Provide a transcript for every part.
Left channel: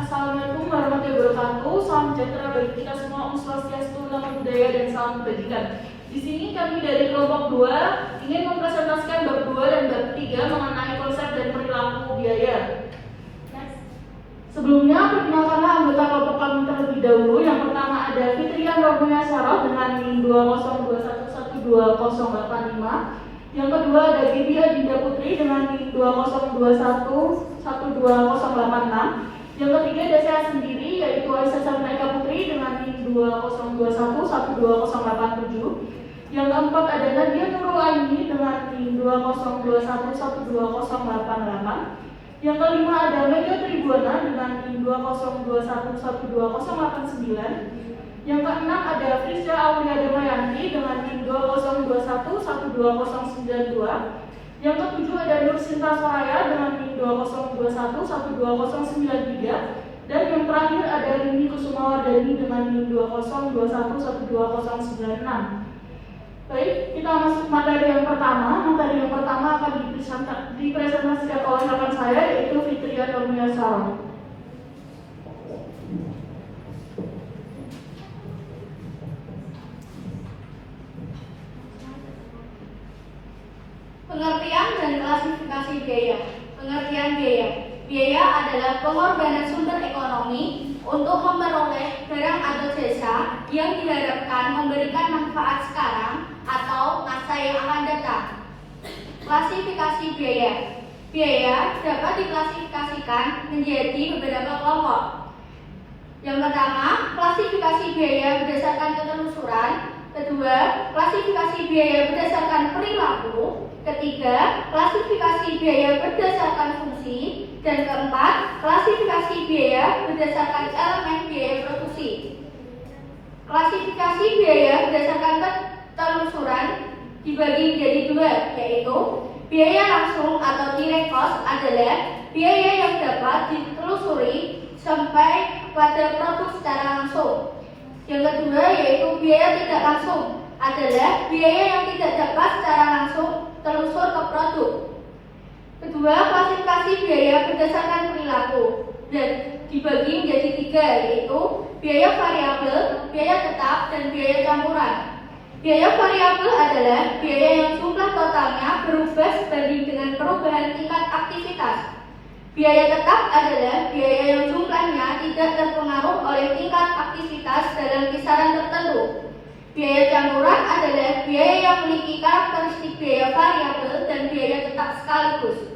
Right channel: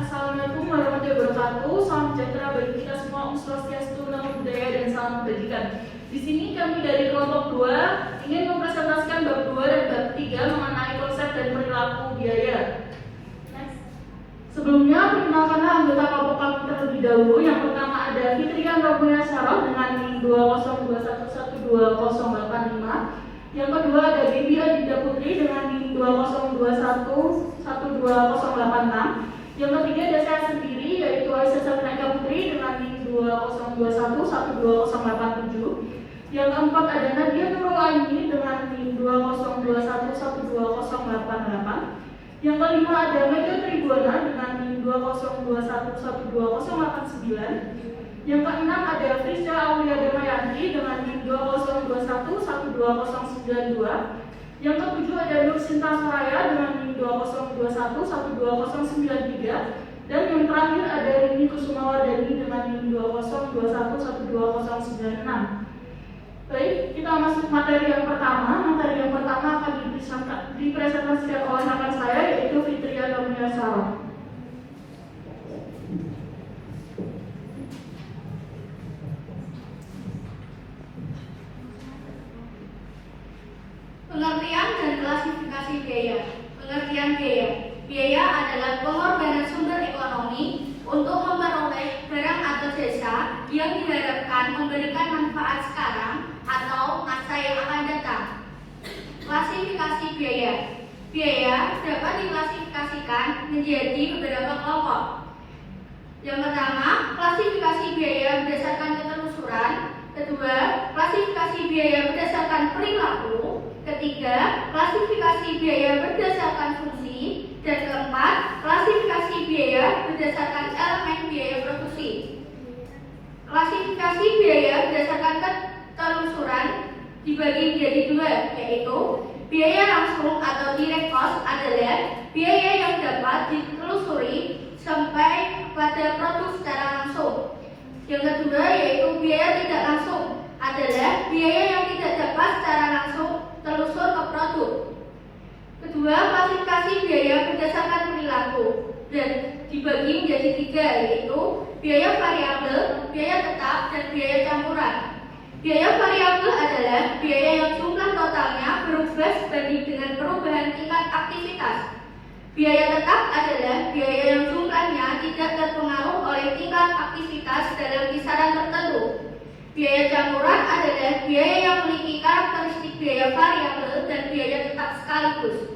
Assalamualaikum warahmatullahi wabarakatuh. Salam sejahtera bagi kita semua. Om Swastiastu, Namo Buddhaya, dan salam kebajikan. Di sini kami dari kelompok 2 ingin mempresentasikan bab 2 dan bab 3 mengenai konsep dan perilaku biaya. Sebelumnya, perkenalkanlah anggota kelompok kami terlebih dahulu. Yang pertama ada Fitrian Rabunya Syarah dengan NIM 202112085. Yang kedua ada Bibi Adinda Putri dengan NIM 202112086. Yang ketiga ada saya sendiri, yaitu Aisyah Sabrina Putri dengan NIM 202112087. Yang keempat ada Nadia Nurul Aini dengan NIM 202112088. Yang kelima ada Mega Tribuana dengan NIM 202112089. Yang keenam ada Frisca Aulia Damayanti dengan NIM 202112092. Yang ketujuh ada Nur Sinta Soraya dengan NIM 202112093. Dan yang terakhir ada Rini Kusumawardani dengan NIM 202112096. Baik, kita masuk materi yang pertama. Materi yang pertama akan dipresentasikan oleh rekan saya, yaitu Fitria Rabunya Syarah. Pengertian dan klasifikasi biaya. Pengertian biaya. Biaya adalah pengorbanan sumber ekonomi untuk memperoleh barang atau jasa yang diharapkan memberikan manfaat sekarang atau masa yang akan datang. Klasifikasi biaya. Biaya dapat diklasifikasikan menjadi beberapa kelompok. Yang pertama, klasifikasi biaya berdasarkan ketelusuran. Kedua, klasifikasi biaya berdasarkan perilaku. Ketiga, klasifikasi biaya berdasarkan fungsi. Dan keempat, klasifikasi biaya berdasarkan elemen biaya produksi. Klasifikasi biaya berdasarkan ketelusuran dibagi menjadi dua, yaitu biaya langsung atau direct cost adalah biaya yang dapat ditelusuri sampai pada produk secara langsung. Yang kedua yaitu biaya tidak langsung adalah biaya yang tidak dapat secara langsung telusur ke produk. Kedua, klasifikasi biaya berdasarkan perilaku dan dibagi menjadi tiga, yaitu biaya variabel, biaya tetap, dan biaya campuran. Biaya variabel adalah biaya yang jumlah totalnya berubah sebanding dengan perubahan tingkat aktivitas. Biaya tetap adalah biaya yang jumlahnya tidak terpengaruh oleh tingkat aktivitas dalam kisaran tertentu. Biaya campuran adalah biaya yang memiliki karakteristik biaya variabel dan biaya tetap sekaligus.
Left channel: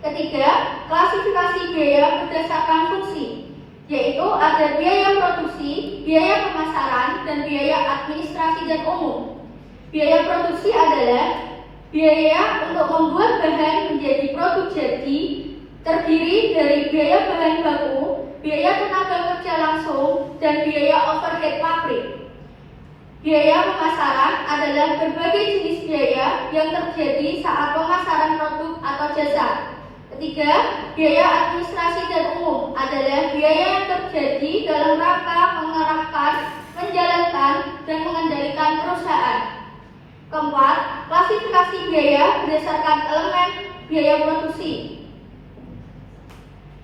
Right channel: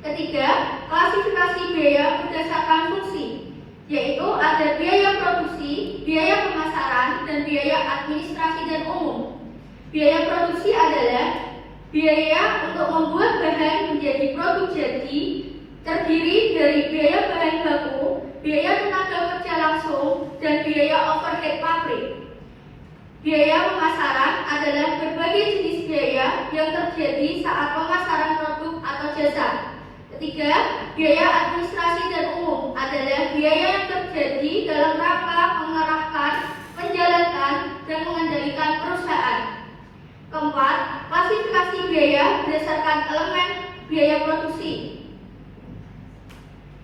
Ketiga, klasifikasi biaya berdasarkan fungsi, yaitu ada biaya produksi, biaya pemasaran, dan biaya administrasi dan umum. Biaya produksi adalah biaya untuk membuat bahan menjadi produk jadi, terdiri dari biaya bahan baku, biaya tenaga kerja langsung, dan biaya overhead pabrik. Biaya pemasaran adalah berbagai jenis biaya yang terjadi saat pemasaran produk atau jasa. Ketiga, biaya administrasi dan umum adalah biaya yang terjadi dalam rangka mengarahkan, menjalankan, dan mengendalikan perusahaan. Keempat, klasifikasi biaya berdasarkan elemen biaya produksi,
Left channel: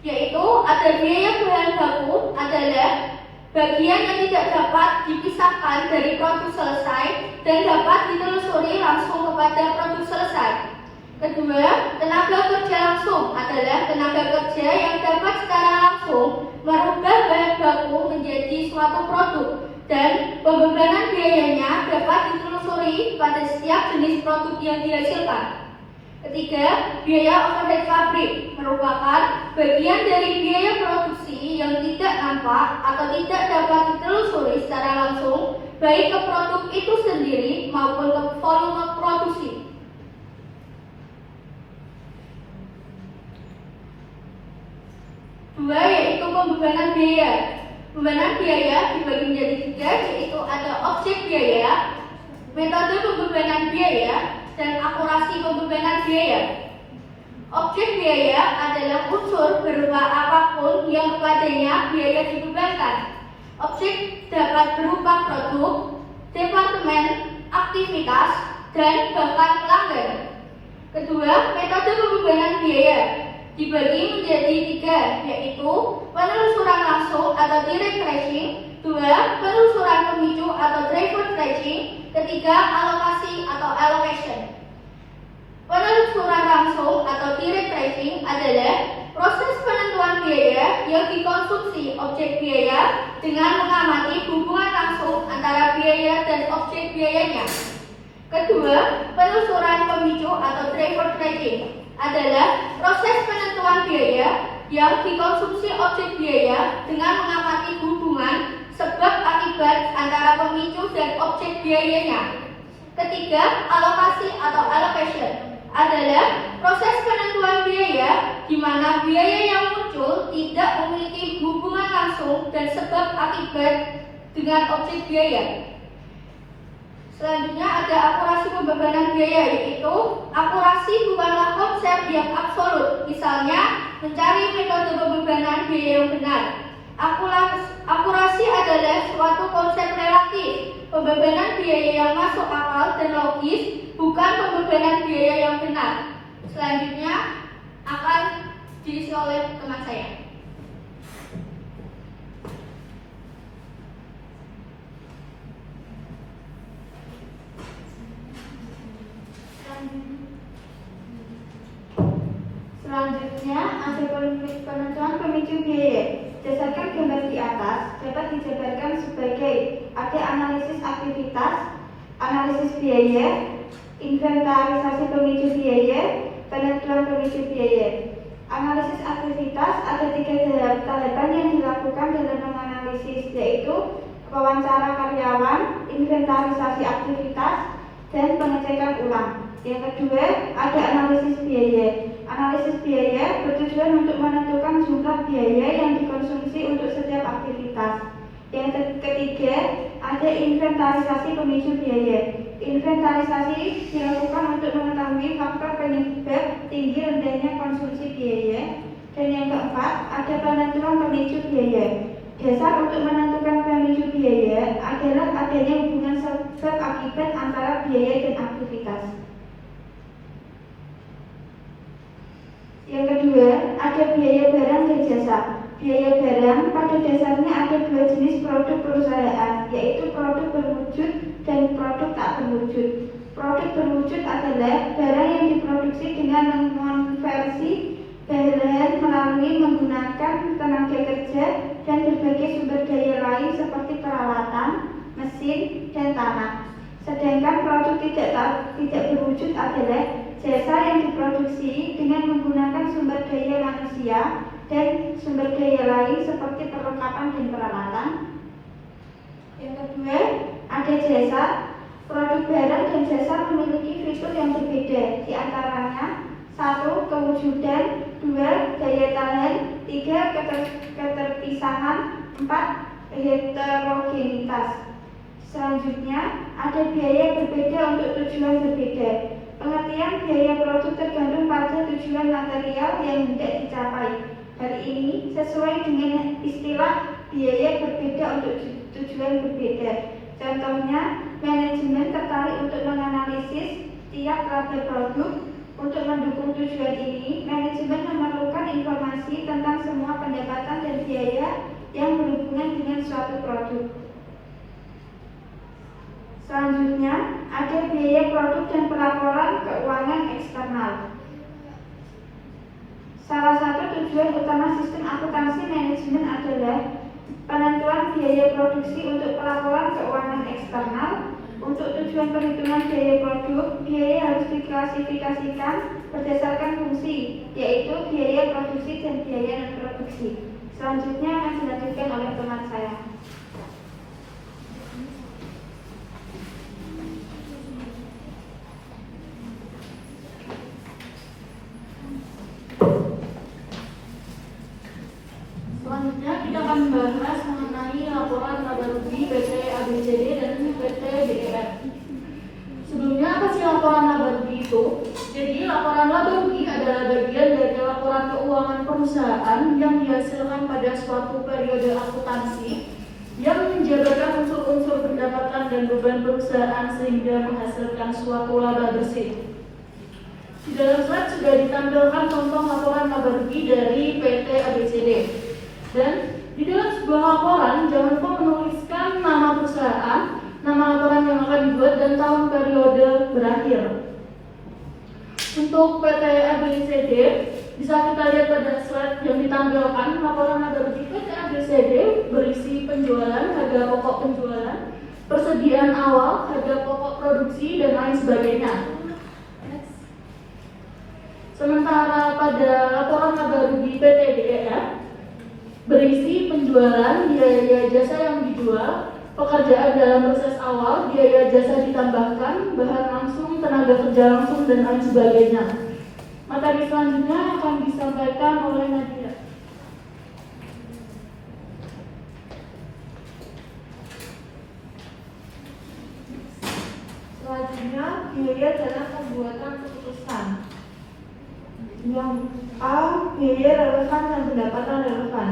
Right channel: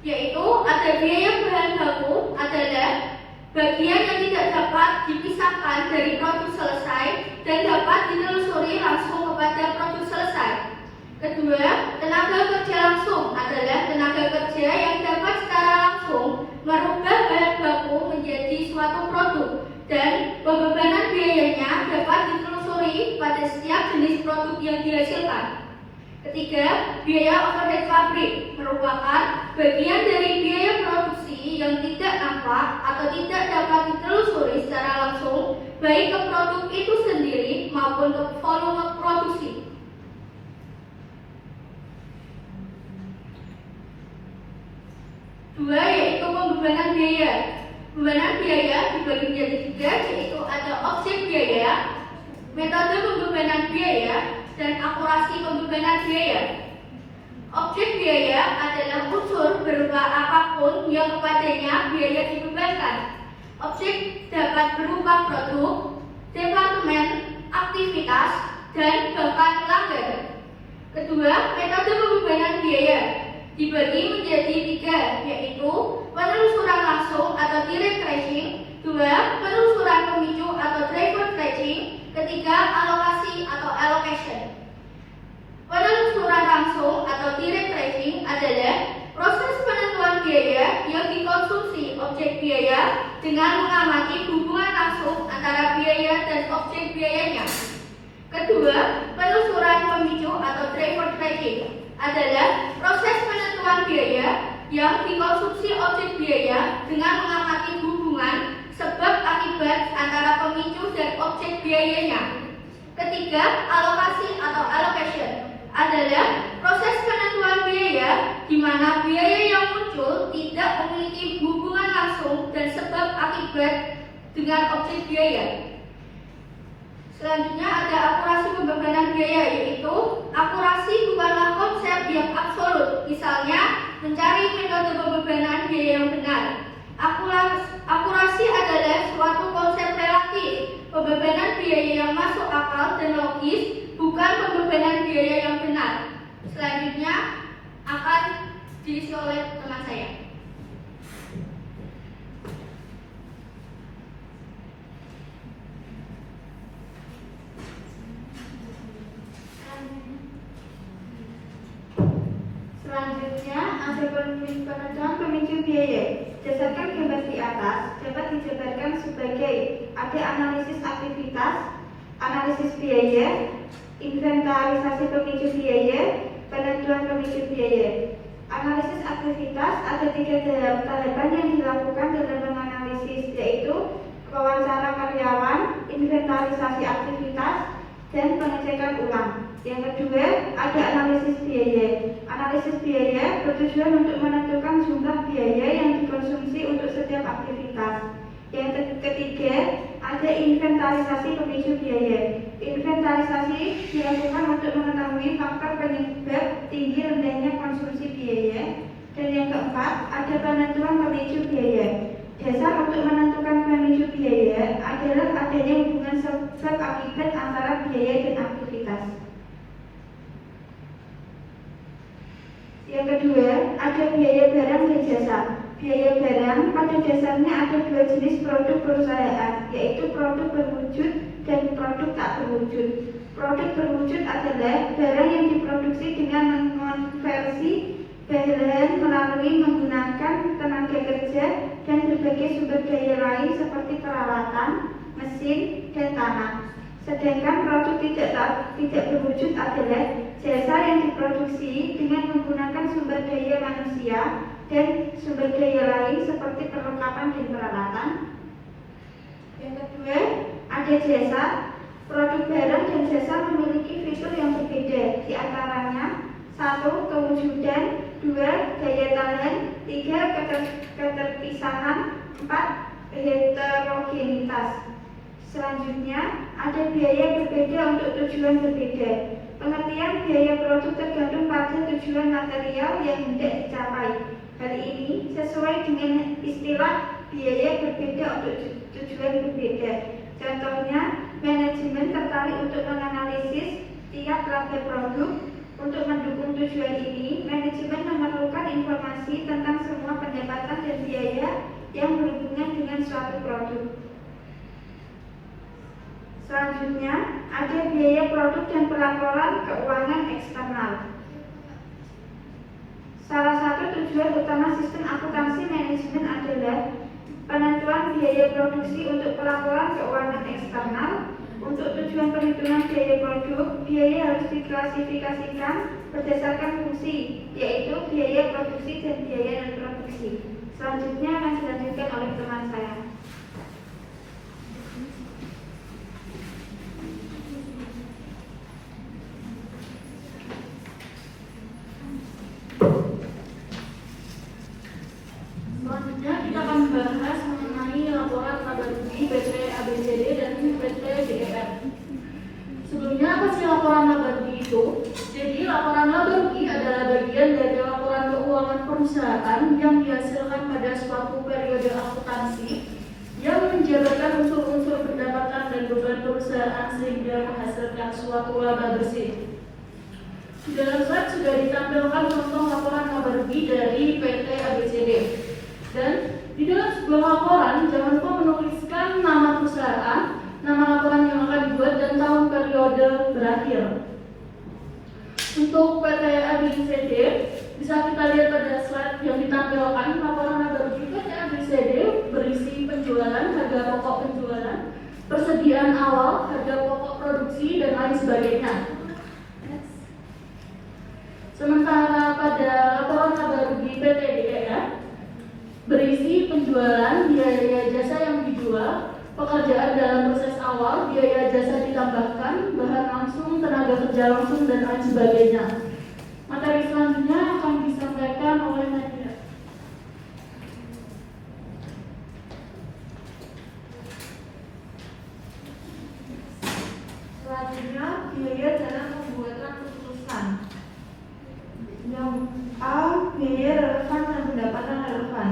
yaitu ada biaya bahan baku adalah bagian yang tidak dapat dipisahkan dari produk selesai dan dapat ditelusuri langsung kepada produk selesai. Kedua, tenaga kerja langsung adalah tenaga kerja yang dapat secara langsung merubah bahan baku menjadi suatu produk dan pembebanan biayanya dapat ditelusuri pada setiap jenis produk yang dihasilkan. Ketiga, biaya overhead pabrik merupakan bagian dari biaya produksi yang tidak nampak atau tidak dapat ditelusuri secara langsung baik ke produk itu sendiri maupun ke volume produksi. Dua, yaitu pembebanan biaya. Pembebanan biaya dibagi menjadi tiga, yaitu ada objek biaya, metode pembebanan biaya, dan akurasi pembebanan biaya. Objek biaya adalah unsur berupa apapun yang kepadanya biaya dibebankan. Objek dapat berupa produk, departemen, aktivitas, dan bahkan pelanggan. Kedua, metode pembebanan biaya dibagi menjadi tiga, yaitu penelusuran atau direct tracing. 2. Penelusuran pemicu atau driver tracing. 3. Alokasi atau allocation. Penelusuran langsung atau direct tracing adalah proses penentuan biaya yang dikonsumsi objek biaya dengan mengamati hubungan langsung antara biaya dan objek biayanya. Kedua, penelusuran pemicu atau driver tracking adalah proses penentuan biaya yang dikonsumsi objek biaya dengan mengamati hubungan sebab akibat antara pemicu dan objek biayanya. Ketiga, alokasi atau allocation adalah proses penentuan biaya di mana biaya yang muncul tidak memiliki hubungan langsung dan sebab akibat dengan objek biaya. Selanjutnya ada akurasi pembebanan biaya, yaitu akurasi bukanlah konsep yang absolut. Misalnya, mencari metode pembebanan biaya yang benar. Akurasi adalah suatu konsep relatif. Pembebanan biaya yang masuk akal dan logis, bukan pembebanan biaya yang benar. Selanjutnya akan diisi oleh teman saya. Selanjutnya ada penentuan pemicu biaya. Berdasarkan gambar di atas dapat dijabarkan sebagai ada analisis aktivitas, analisis biaya, inventarisasi pemicu biaya, penentuan pemicu biaya. Analisis aktivitas ada 3 tahapan yang dilakukan dalam menganalisis, yaitu wawancara karyawan, inventarisasi aktivitas, dan pengecekan ulang. Yang kedua, ada analisis biaya. Analisis biaya bertujuan untuk menentukan jumlah biaya yang dikonsumsi untuk setiap aktivitas. Yang ketiga, ada inventarisasi pemicu biaya. Inventarisasi dilakukan untuk mengetahui faktor penyebab tinggi rendahnya konsumsi biaya. Dan yang keempat, ada penentuan pemicu biaya. Dasar untuk menentukan pemicu biaya adalah adanya hubungan sebab akibat antara biaya dan aktivitas. Yang kedua, ada biaya barang dan jasa. Biaya barang pada dasarnya ada 2 jenis produk perusahaan, yaitu produk berwujud dan produk tak berwujud. Produk berwujud adalah barang yang diproduksi dengan mengonversi bahan melalui menggunakan tenaga kerja dan berbagai sumber daya lain seperti peralatan, mesin, dan tanah. Sedangkan produk tidak berwujud adalah jasa yang diproduksi dengan menggunakan sumber daya manusia dan sumber daya lain seperti perlengkapan dan peralatan. Yang kedua, ada jasa. Produk barang dan jasa memiliki fitur yang berbeda, di antaranya 1. Kewujudan, 2. Daya tahan, 3. Keterpisahan, 4. Heterogenitas. Selanjutnya, ada biaya berbeda untuk tujuan berbeda. Pengertian biaya produk tergantung pada tujuan material yang hendak dicapai. Hal ini sesuai dengan istilah biaya berbeda untuk tujuan berbeda. Contohnya, manajemen tertarik untuk menganalisis tiap laba produk. Untuk mendukung tujuan ini, manajemen memerlukan informasi tentang semua pendapatan dan biaya yang berhubungan dengan suatu produk. Selanjutnya, ada biaya produk dan pelaporan keuangan eksternal. Salah satu tujuan utama sistem akuntansi manajemen adalah penentuan biaya produksi untuk pelaporan keuangan eksternal. Untuk tujuan perhitungan biaya produk, biaya harus diklasifikasikan berdasarkan fungsi, yaitu biaya produksi dan biaya non-produksi. Selanjutnya akan dilanjutkan oleh teman saya. Selanjutnya kita akan membahas mengenai laporan laba rugi PT ABCD dan PT BER. Sebelumnya apa sih laporan laba rugi itu? Jadi laporan laba rugi adalah bagian dari laporan keuangan perusahaan yang dihasilkan pada suatu periode akuntansi yang menjabarkan unsur-unsur pendapatan dan beban perusahaan sehingga menghasilkan suatu laba bersih. Di dalam slide sudah ditampilkan contoh laporan laba rugi dari PT ABCD. Dan di dalam sebuah laporan Untuk PT ABCD bisa kita lihat pada slide yang ditampilkan. Laporan laba bersih PT ABCD berisi penjualan, harga pokok penjualan, persediaan awal, harga pokok produksi, dan lain sebagainya. Sementara pada laporan laba rugi PT DEF berisi penjualan, biaya jasa yang dijual, pekerjaan dalam proses awal, biaya jasa ditambahkan, bahan langsung, tenaga kerja langsung, dan lain sebagainya. Materi selanjutnya akan disampaikan oleh Nadia. Selanjutnya, biaya dalam pembuatan keputusan. Yang A, biaya relevan dan pendapatan relevan.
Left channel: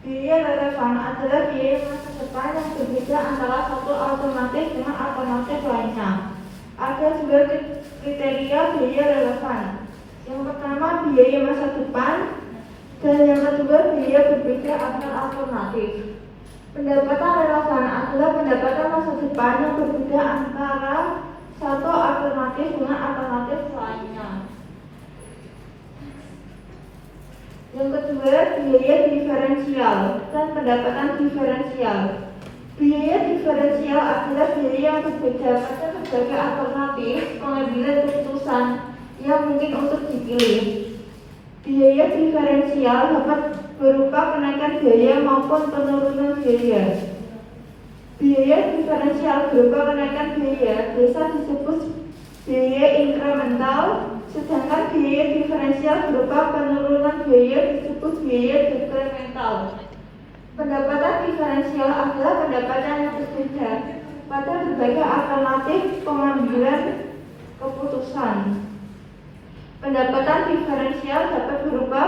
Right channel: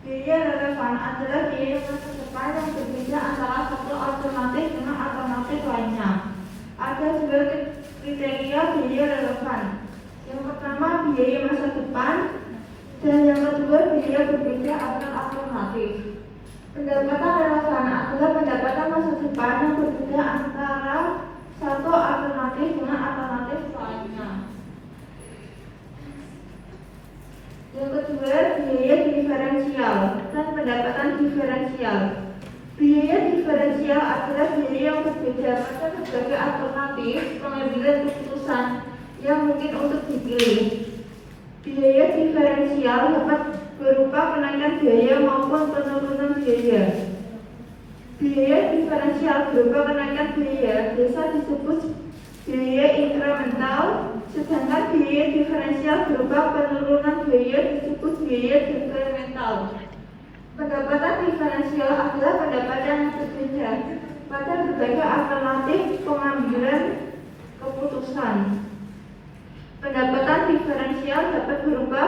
Biaya relevan adalah biaya masa depan yang berbeda antara satu alternatif dengan alternatif lainnya. Ada dua kriteria biaya relevan. Yang pertama, biaya masa depan, dan yang kedua, biaya berbeda antar alternatif. Pendapatan relevan adalah pendapatan masa depan yang berbeda antara satu alternatif dengan alternatif lainnya. Yang kedua, biaya diferensial dan pendapatan diferensial. Biaya diferensial adalah biaya yang berbeda pada berbagai alternatif pengambilan keputusan yang mungkin untuk dipilih. Biaya diferensial dapat berupa kenaikan biaya maupun penurunan biaya. Biaya diferensial berupa kenaikan biaya biasa disebut biaya inkremental, sedangkan biaya diferensial berupa penurunan biaya disebut biaya dekremental. Pendapatan diferensial adalah pendapatan yang berbeda pada berbagai alternatif pengambilan keputusan. Pendapatan diferensial dapat berupa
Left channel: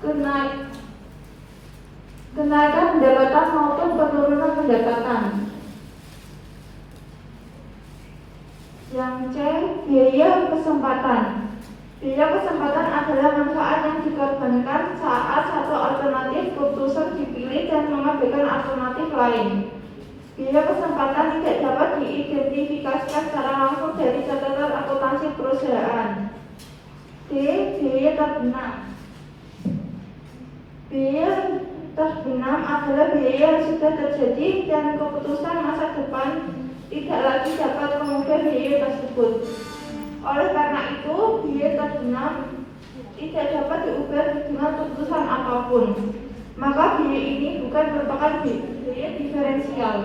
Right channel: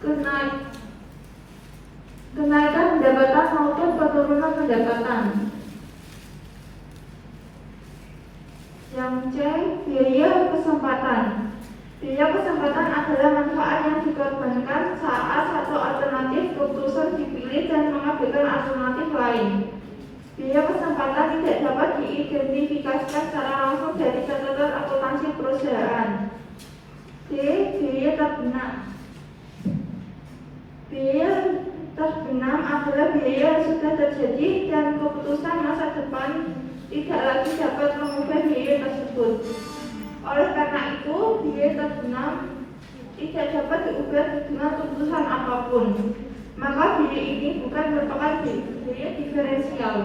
kenaikan pendapatan maupun penurunan pendapatan. Yang C, biaya kesempatan. Biaya kesempatan adalah manfaat yang dikorbankan saat satu alternatif keputusan dipilih dan mengabaikan alternatif lain. Biaya kesempatan tidak dapat diidentifikasikan secara langsung dari catatan akuntansi perusahaan. D, biaya terbenam. Biaya terbenam adalah biaya yang sudah terjadi dan keputusan masa depan tidak lagi dapat mengubah biaya tersebut. Oleh karena itu, biaya terbenam tidak dapat diubah dengan keputusan apapun. Maka biaya ini bukan merupakan biaya diferensial.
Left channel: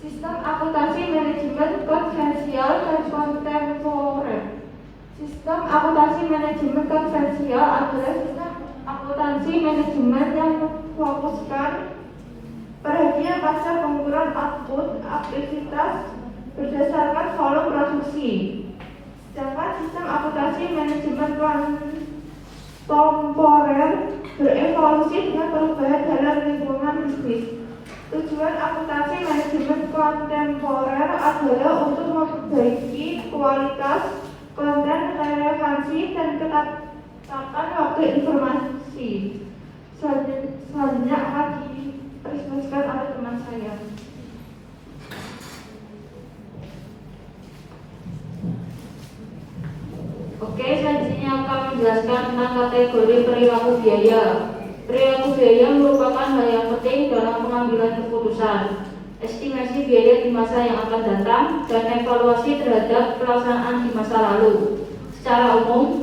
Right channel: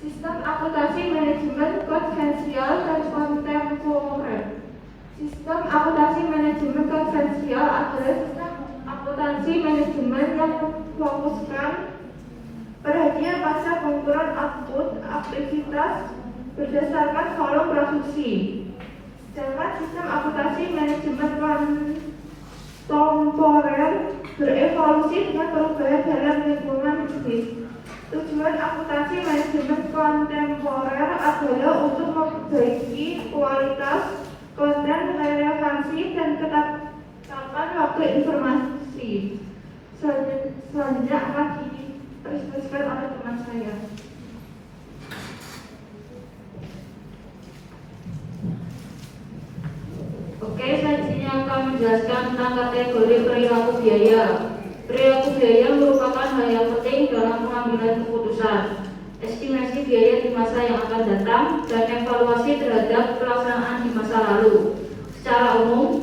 Sistem akuntansi manajemen konvensial dan kontemporer. Sistem akuntansi manajemen konvensial adalah sistem akuntansi manajemen yang memfokuskan perhatian pada pengukuran output aktivitas berdasarkan volume produksi. Sedangkan sistem akuntansi manajemen kontemporer berevolusi dengan perubahan dalam lingkungan bisnis. Tujuan akuntansi manajemen kontemporer adalah untuk memperbaiki kualitas konten, relevansi, dan ketepatan waktu informasi. Selanjutnya akan dipresentasikan oleh teman saya. Oke, selanjutnya akan menjelaskan tentang kategori perilaku biaya. Perilaku biaya merupakan hal yang penting dalam pengambilan keputusan, estimasi biaya di masa yang akan datang, dan evaluasi terhadap pelaksanaan di masa lalu. Secara umum,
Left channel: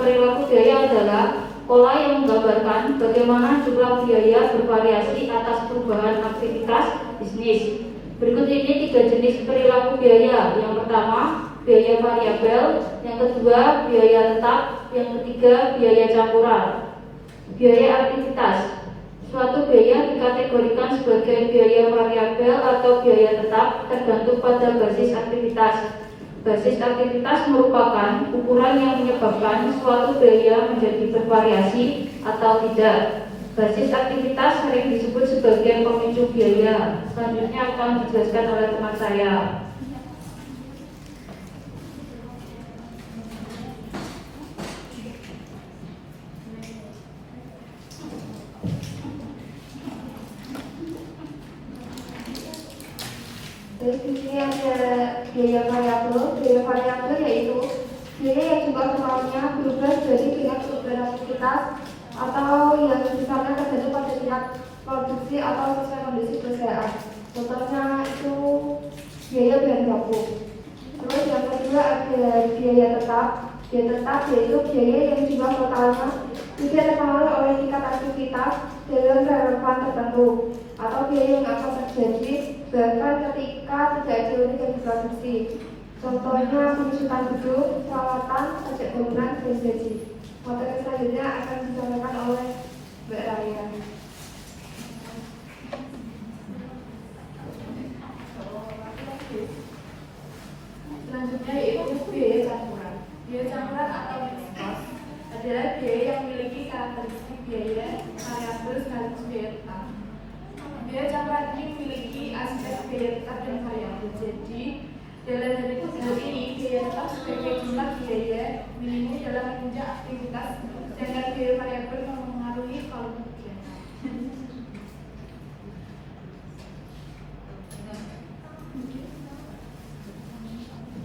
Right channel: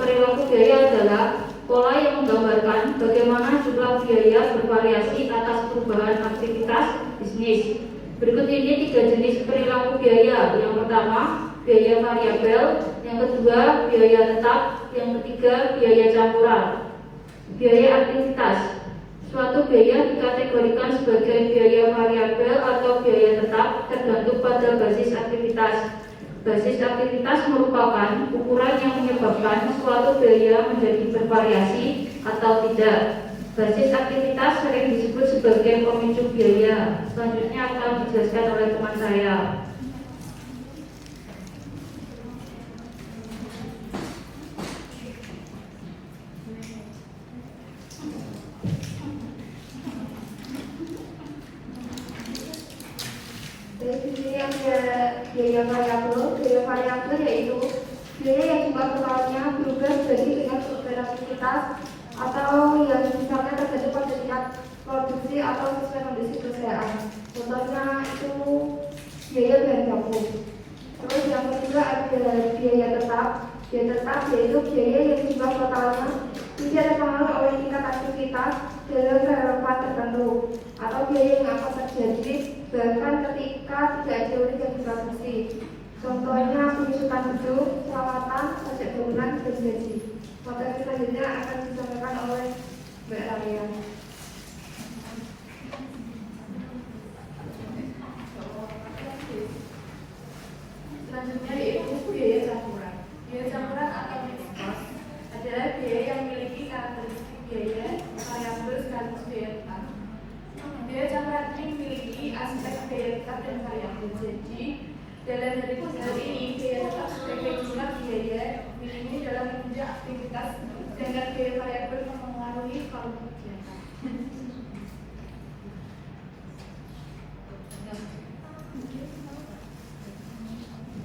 perilaku biaya adalah pola yang menggambarkan bagaimana jumlah biaya bervariasi atas perubahan aktivitas bisnis. Berikut ini 3 jenis perilaku biaya. Yang pertama, biaya variabel, yang kedua, biaya tetap, yang ketiga, biaya campuran. Biaya aktivitas. Suatu biaya dikategorikan sebagai biaya variabel atau biaya tetap tergantung pada basis aktivitas. Basis aktivitas merupakan ukuran yang menyebabkan suatu biaya menjadi bervariasi atau tidak. Basis aktivitas sering disebut sebagai pemicu biaya. Selanjutnya akan dijelaskan oleh teman saya. Dari sini ada biaya variabel yaitu biaya yang jumlah totalnya berubah jadi dengan perubahan aktivitas atau yang misalnya terjadi pada tingkat produksi atau sesuai kondisi perusahaan. Contohnya itu biaya bahan baku. Terus yang kedua ada biaya tetap. Biaya tetap yaitu biaya yang jumlah totalnya tidak terpengaruh oleh tingkat aktivitas dalam relevan tertentu atau biaya yang akan terjadi bahkan ketika tidak ada unit yang diproduksi. Contohnya penyusutan gedung, perawatan, pajak bangunan, dan gaji. Materi selanjutnya akan disampaikan oleh Mbak Raya. Selanjutnya yaitu biaya campuran. Biaya campuran atau mixed cost adalah biaya yang memiliki karakteristik biaya variabel sekaligus biaya tetap. Biaya campuran ini memiliki aspek biaya tetap dan variabel. Jadi dalam hal ini biaya tetap sebagai jumlah biaya miliknya dalam menunjang aktivitas dan biaya variabel yang mempengaruhi kaum kegiatan.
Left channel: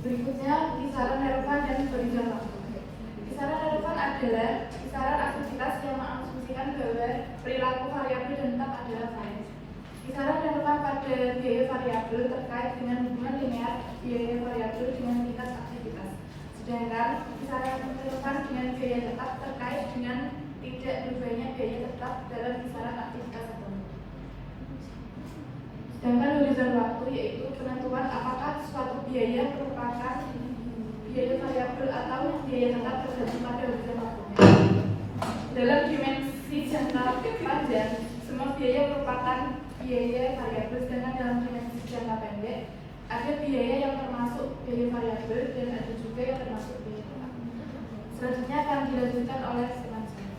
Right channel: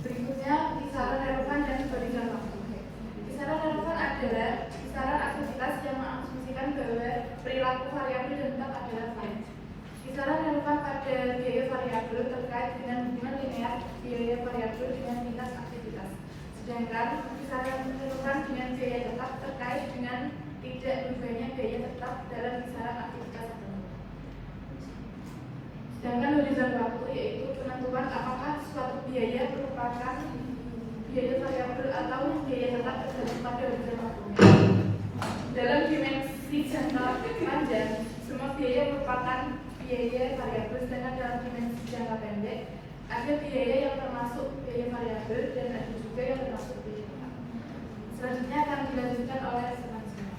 Berikutnya kisaran relevan dan berikan waktu. Kisaran relevan adalah kisaran aktivitas yang mengasumsikan bahwa perilaku variabel dan tetap adalah lain. Kisaran relevan pada biaya variabel terkait dengan hubungan linear biaya variabel dengan tingkat aktivitas. Sedangkan kisaran relevan dengan biaya tetap terkait dengan tidak berubahnya biaya tetap dalam kisaran aktivitas tertentu. Sedangkan horizon waktu yaitu penentuan apakah suatu biaya merupakan biaya variabel atau biaya tetap terjadi pada horizon waktunya. Dalam dimensi jangka panjang, semua biaya merupakan biaya variabel, sedangkan dalam dimensi jangka pendek ada biaya yang termasuk biaya variabel dan ada juga yang termasuk biaya tetap. Selanjutnya akan dilanjutkan oleh selanjutnya.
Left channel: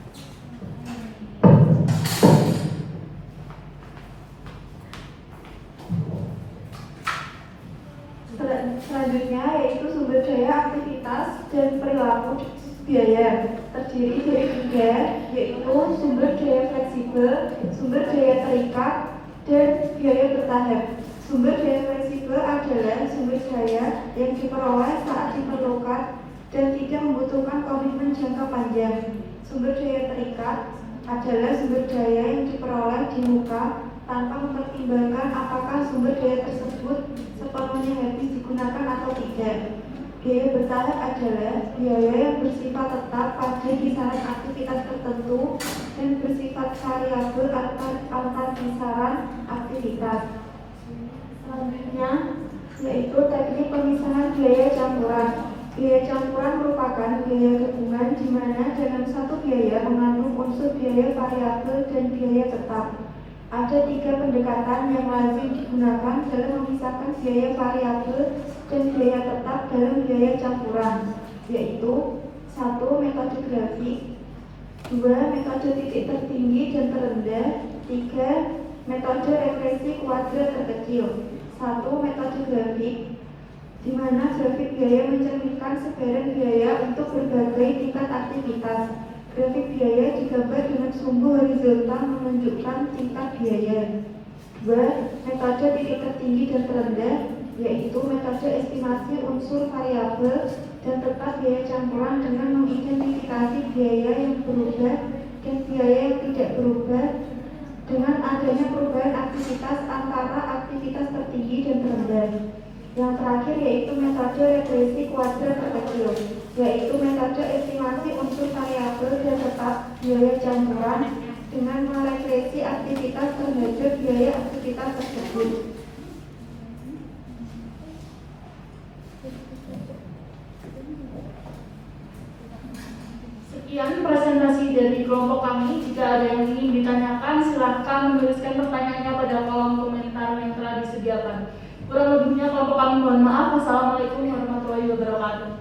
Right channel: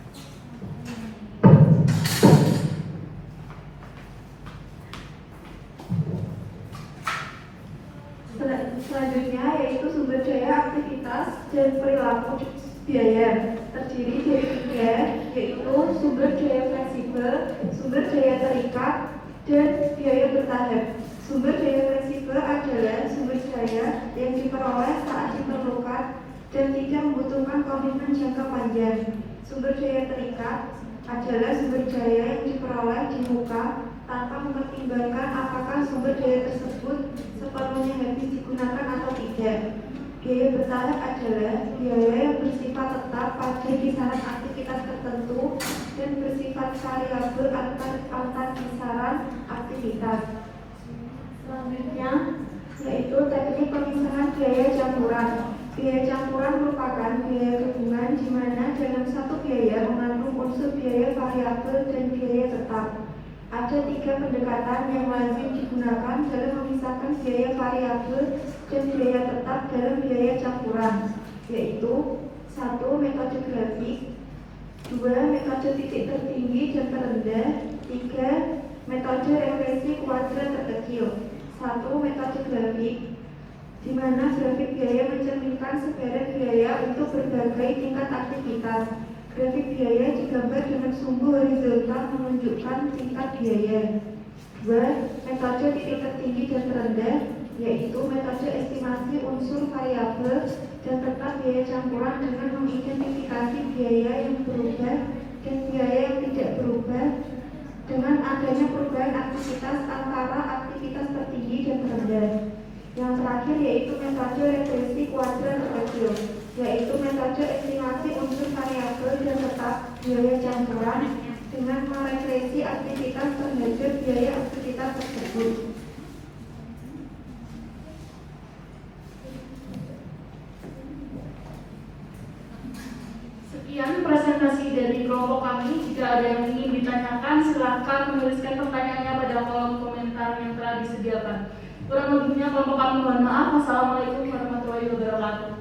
Selanjutnya yaitu sumber daya, aktivitas, dan perilaku biaya. Terdiri dari tiga, yaitu sumber daya fleksibel, sumber daya terikat, dan biaya bertahap. Sumber daya fleksibel adalah sumber daya yang diperoleh saat diperlukan dan tidak membutuhkan komitmen jangka panjang. Sumber daya terikat adalah sumber daya yang diperoleh di muka tanpa mempertimbangkan apakah sumber daya tersebut sepenuhnya habis digunakan atau tidak. Biaya bertahap adalah biaya yang bersifat tetap pada kisaran aktivitas tertentu dan bersifat variabel antar kisaran aktivitas. Selanjutnya yaitu teknik pemisahan biaya campuran. Biaya campuran merupakan biaya gabungan di mana dalam satu biaya mengandung unsur biaya variabel dan biaya tetap. Ada tiga pendekatan yang lazim digunakan dalam memisahkan biaya variabel dan biaya tetap dalam biaya campuran, yaitu 1. Metode grafik, 2. Metode titik tertinggi dan terendah, 3. Metode regresi kuadrat terkecil. 1. Metode grafik, di mana grafik biaya mencerminkan sebaran biaya untuk berbagai tingkat aktivitas. Grafik biaya digambar dengan sumbu horizontal menunjukkan tingkat biaya. 2. Metode titik tertinggi dan terendah, yaitu metode estimasi unsur variabel dan tetap biaya campuran dengan mengidentifikasi biaya yang berubah dan biaya yang tidak berubah dengan adanya perubahan aktivitas antara aktivitas tertinggi dan terendah. Yang terakhir yaitu metode regresi kuadrat terkecil, yaitu metode estimasi unsur variabel dan tetap biaya campuran dengan meregresi aktivitas terhadap biaya aktivitas tersebut. Sekian presentasi dari kelompok kami. Jika ada yang ingin ditanyakan, silakan menuliskan pertanyaannya pada kolom komentar yang telah disediakan. Kurang lebihnya kelompok kami mohon maaf. Wassalamualaikum warahmatullahi wabarakatuh.